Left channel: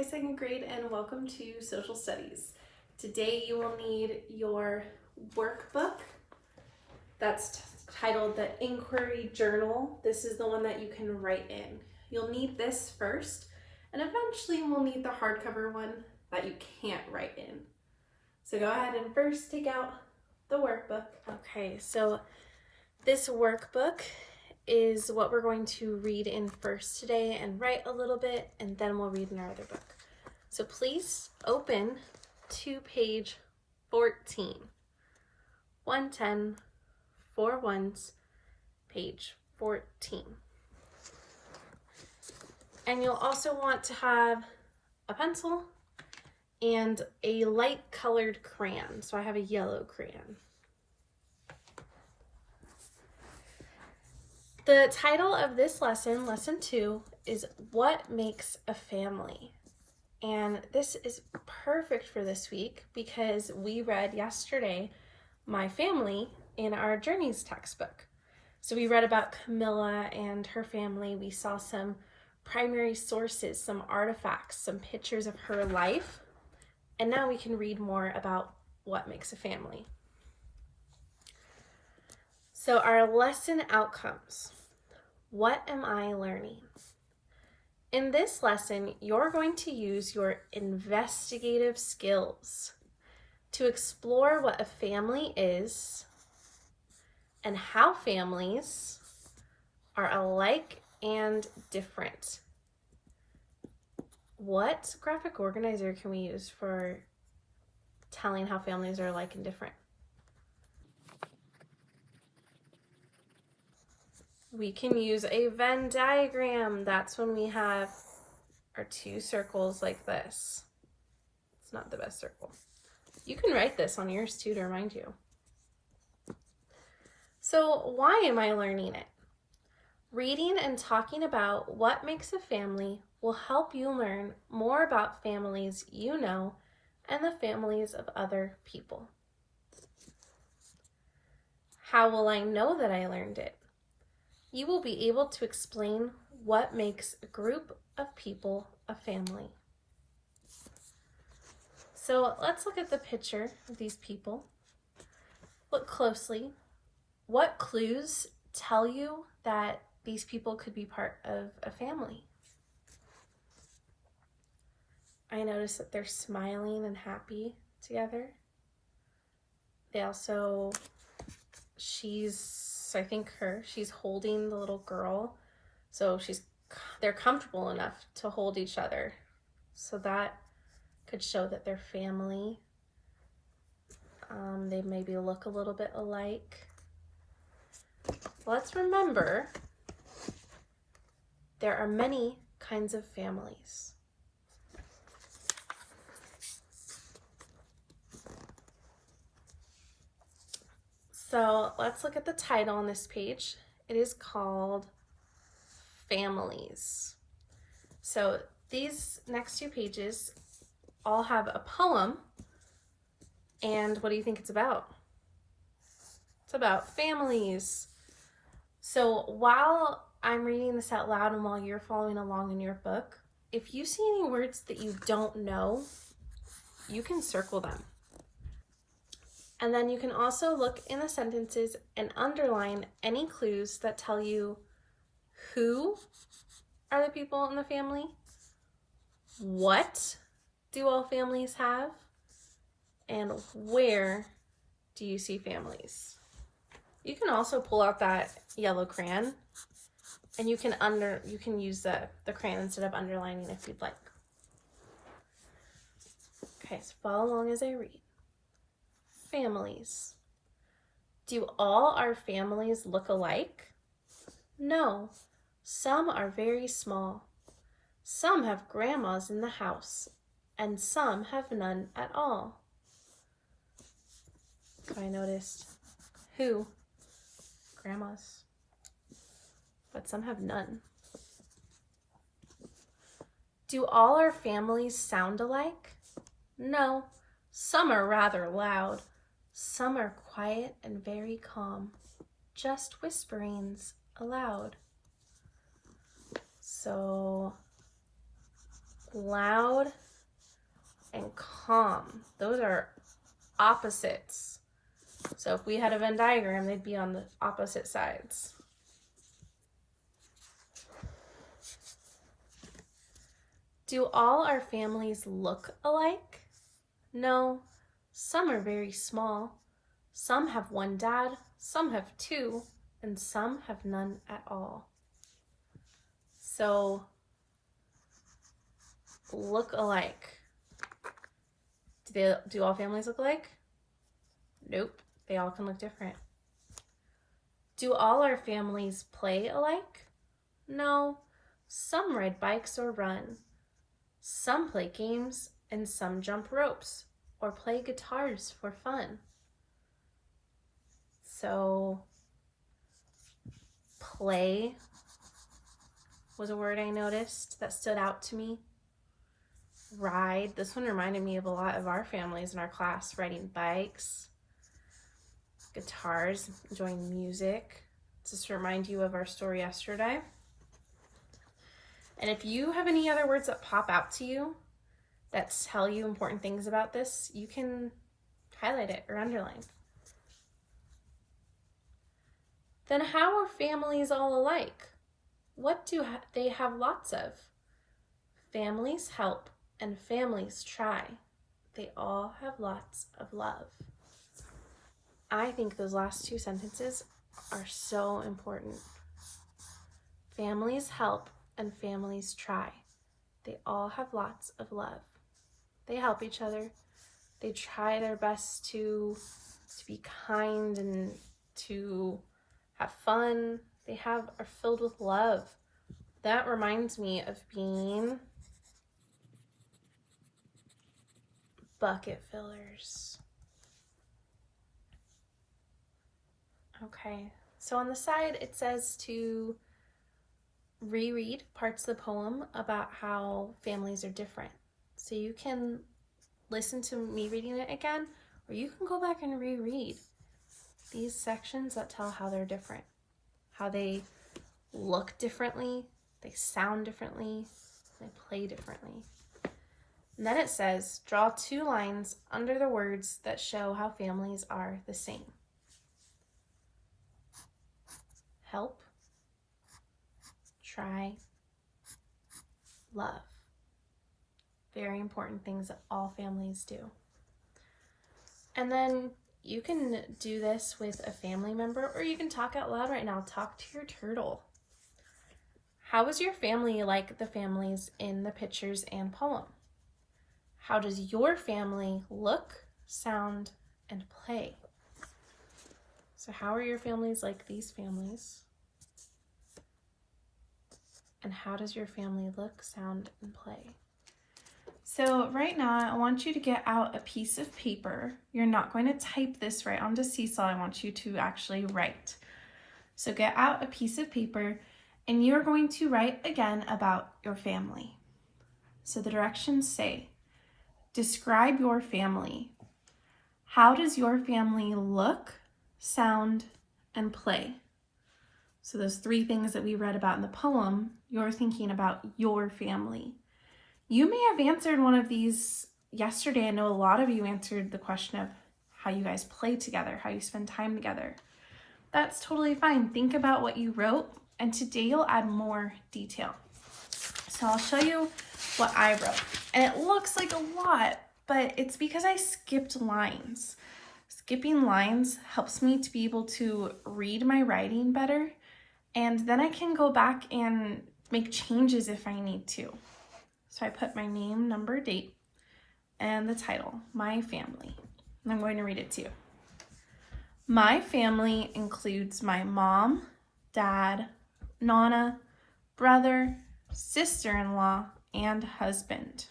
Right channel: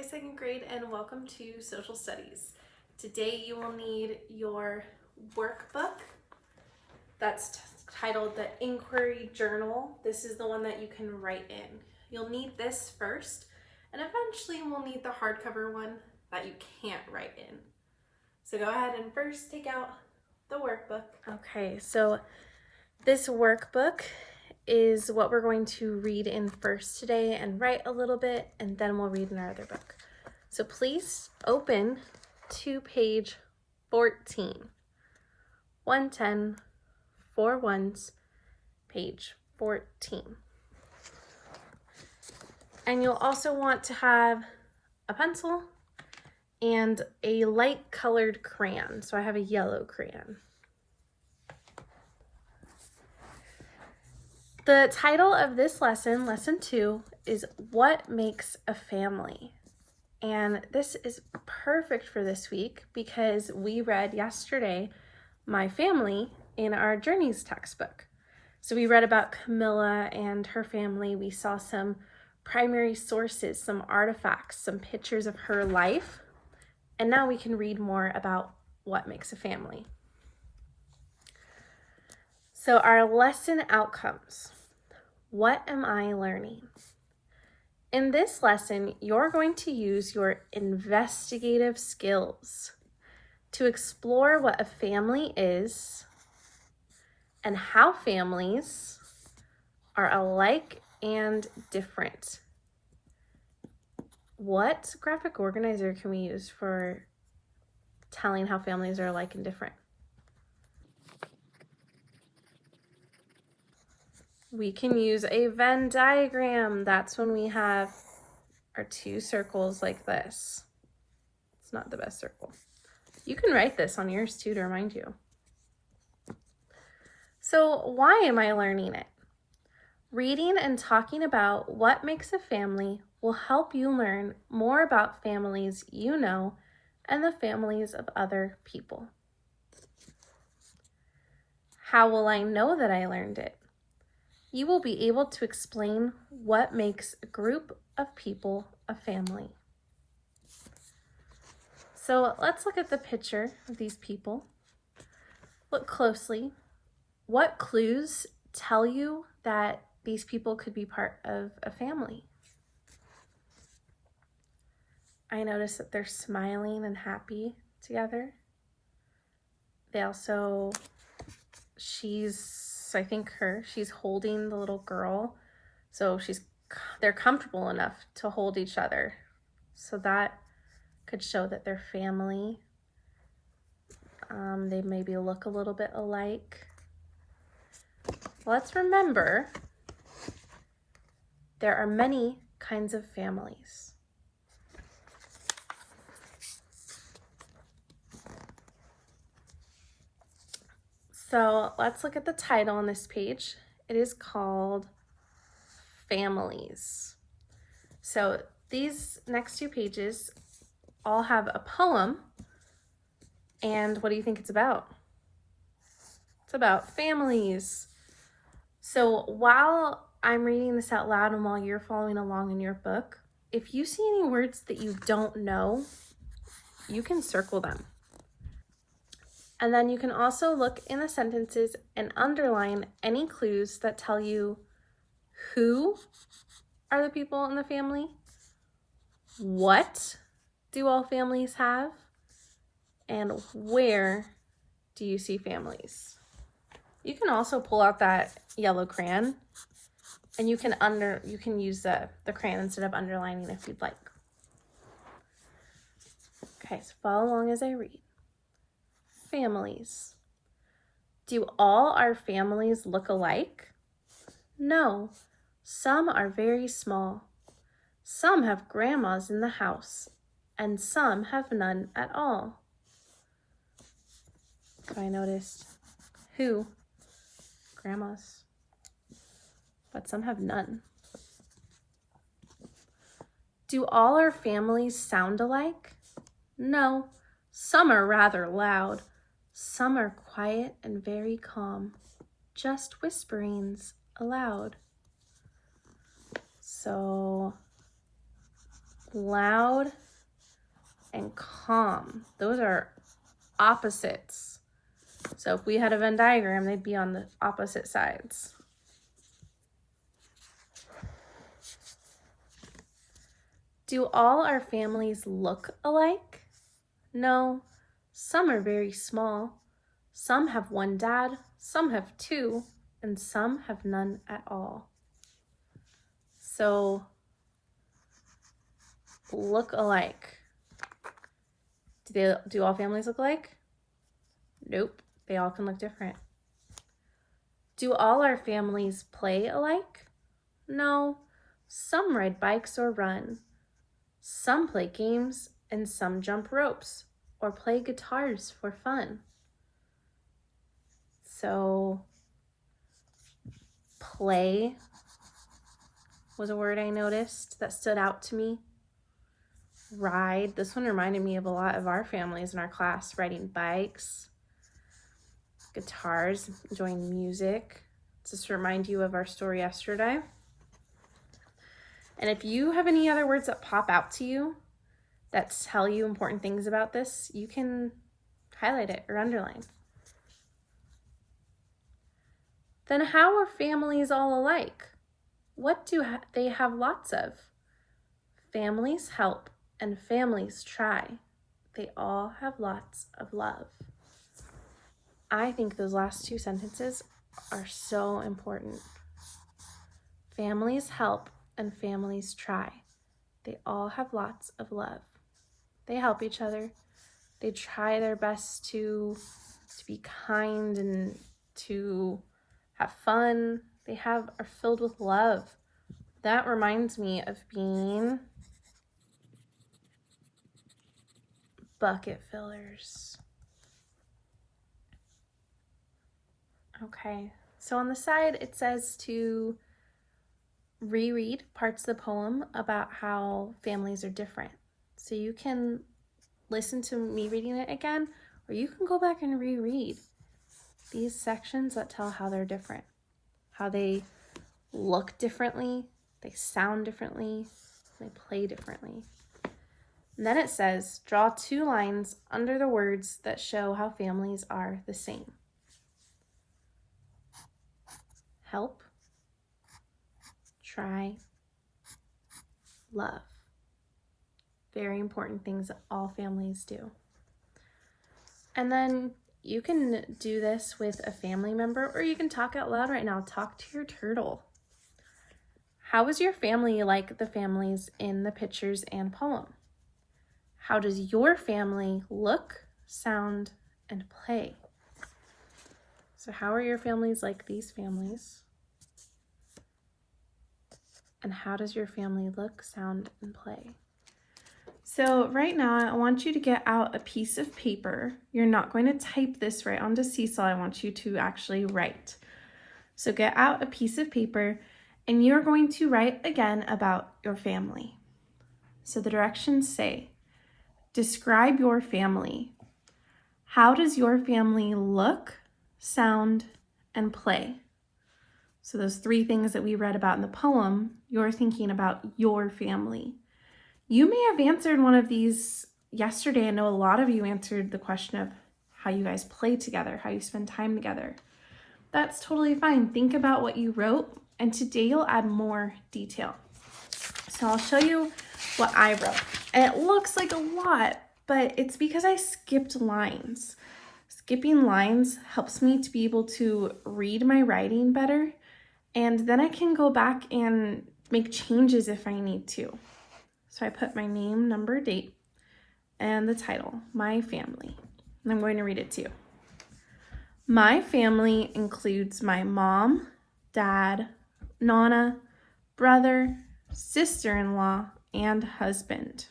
Hi, second grade, and welcome to Social Studies. Today you will need your workbook that's titled the Inquiry Journal. This is the one that you can write in. You'll need this first, and eventually we'll need the hardcover one that you can't write in. So go ahead and first take out the workbook. Okay, so this workbook is what we're going to read in first today and write a little bit, and then we'll read in our other book. So please open to page 14. 110, 4 ones, page 14. And you'll also want to have a pencil and a light colored crayon. So I have a yellow crayon. The title of this lesson, lesson 2, is What Makes a Family? And this is perfect for this week because we read yesterday My Family in our Journeys textbook. So we read about Camilla and her family. We saw some primary sources, some artifacts, some pictures of her life. And now we can read more about what makes a family. So our lesson outcomes. What am I learning? In this lesson, you're going to use your investigative skills to explore what a family is and how families are alike and different. What graphic organizer can we use for telling how families are alike and different? We can use a Venn diagram. That's when we have our two circles like this. It's not the best circle. You can write this on yours too to remind you. So why am I learning it? Reading and talking about what makes a family will help you learn more about families you know and the families of other people. How will I know that I learned it? You will be able to explain what makes a group of people a family. So let's look at the picture of these people. Look closely. What clues tell you that these people could be part of a family? I notice that they're smiling and happy together. They also, she's holding the little girl. So they're comfortable enough to hold each other. So that could show that they're family. They maybe look a little bit alike. Let's remember there are many kinds of families. So let's look at the title on this page. It is called Families. So these next two pages all have a poem. And what do you think it's about? It's about families. So while I'm reading this out loud and while you're following along in your book, if you see any words that you don't know, you can circle them. And then you can also look in the sentences and underline any clues that tell you who are the people in the family, what do all families have, and where do you see families. You can also pull out that yellow crayon and you can use the crayon instead of underlining if you'd like. Okay, so follow along as I read. Families. Do all our families look alike? No, some are very small. Some have grandmas in the house, and some have none at all. So I noticed who? Grandmas. But some have none. Do all our families sound alike? No, some are rather loud. Some are quiet and very calm, just whisperings aloud. So Loud and calm. Those are opposites. So if we had a Venn diagram, they'd be on the opposite sides. Do all our families look alike? No. Some are very small. Some have one dad, some have two, and some have none at all. So, look alike. Do all families look alike? Nope, they all can look different. Do all our families play alike? No, some ride bikes or run. Some play games and some jump ropes or play guitars for fun. So, play was a word I noticed that stood out to me. Ride, this one reminded me of a lot of our families in our class, riding bikes, guitars, enjoying music. Just to remind you of our story yesterday. And if you have any other words that pop out to you that tell you important things about this, you can highlight it or underline. Then how are families all alike? What do they have lots of? Families help and families try. They all have lots of love. I think those last two sentences are so important. Families help and families try. They all have lots of love. They help each other. They try their best to be kind and to have fun. They are filled with love. That reminds me of being bucket fillers. Okay, so on the side it says to reread parts of the poem about how families are different. So you can listen to me reading it again, or you can go back and reread these sections that tell how they're different, how they look differently, they sound differently, they play differently. And then it says, draw 2 lines under the words that show how families are the same. Help, try, love. Very important things that all families do. And then you can do this with a family member, or you can talk out loud right now. Talk to your turtle. How is your family like the families in the pictures and poem? How does your family look, sound, and play? So how are your families like these families? And how does your family look, sound, and play? So right now, I want you to get out a piece of paper. You're not going to type this right onto Seesaw. I want you to actually write. So get out a piece of paper, and you're going to write again about your family. So the directions say, describe your family. How does your family look, sound, and play? So those 3 things that we read about in the poem, you're thinking about your family. You may have answered one of these yesterday. I know a lot of you answered the question of how you guys play together, how you spend time together. That's totally fine. Think about what you wrote, and today you'll add more detail. So I'll show you what I wrote. And it looks like a lot, but it's because I skipped lines. Skipping lines helps me to be able to read my writing better, and then I can go back and make changes if I need to. So I put my name, number, date, and the title, My Family. And I'm going to read it to you. My family includes my mom, dad, Nana, brother, sister-in-law, and husband.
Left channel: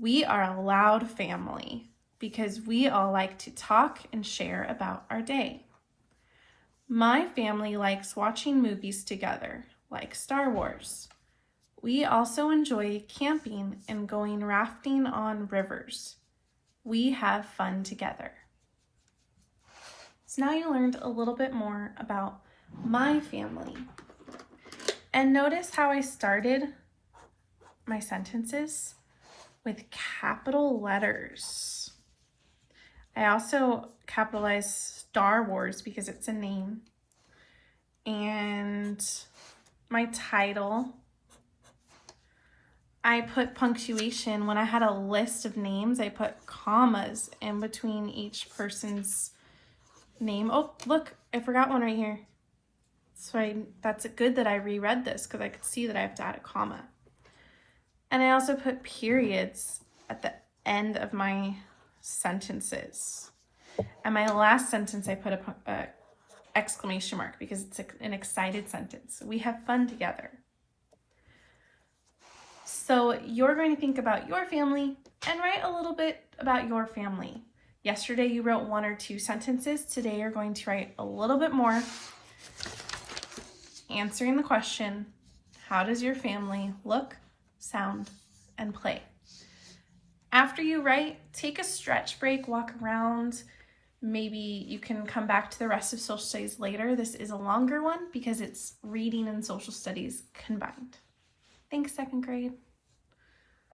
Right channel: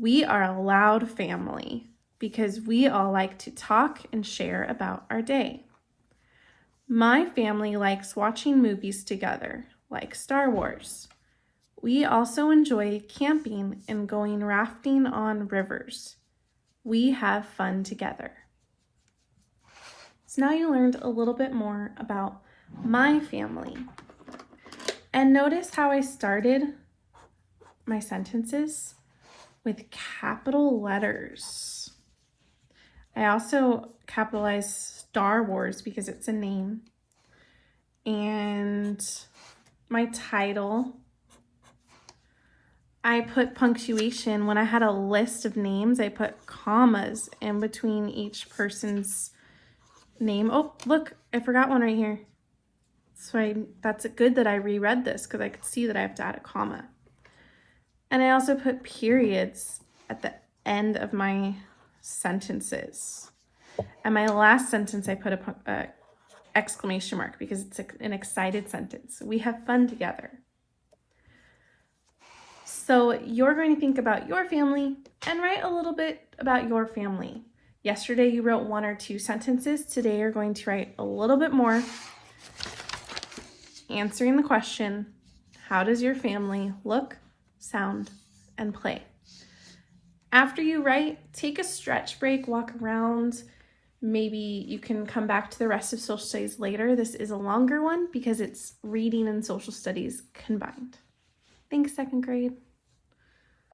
We are a loud family because we all like to talk and share about our day. My family likes watching movies together, like Star Wars. We also enjoy camping and going rafting on rivers. We have fun together. So now you learned a little bit more about my family. And notice how I started my sentences with capital letters. I also capitalized Star Wars because it's a name. And my title, I put punctuation. When I had a list of names, I put commas in between each person's name. Oh, look, I forgot one right here. So that's good that I reread this because I could see that I have to add a comma. And I also put periods at the end of my sentences. And my last sentence, I put a exclamation mark because it's an excited sentence. We have fun together. So you're going to think about your family and write a little bit about your family. Yesterday you wrote 1 or 2 sentences. Today you're going to write a little bit more, answering the question, how does your family look, sound, and play? After you write, take a stretch break, walk around. Maybe you can come back to the rest of social studies later. This is a longer one because it's reading and social studies combined. Thanks, second grade.